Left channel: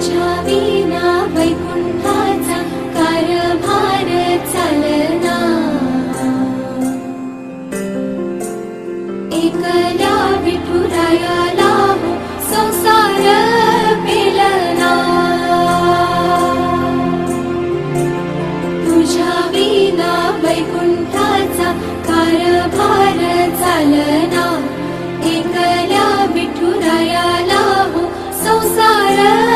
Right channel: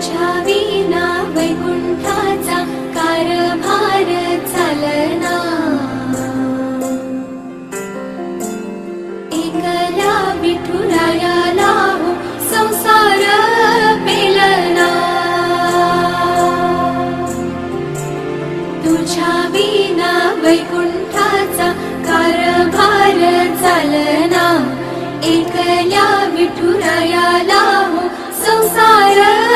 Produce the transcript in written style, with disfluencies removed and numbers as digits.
तुझ्या विना वैकुंठाचा कारभार चालना, एकल्या विठुरायाला हो संसार पेलना, तुझ्या विना वैकुंठाचा कारभार चालना, एकल्या विठुरायाला हो संसार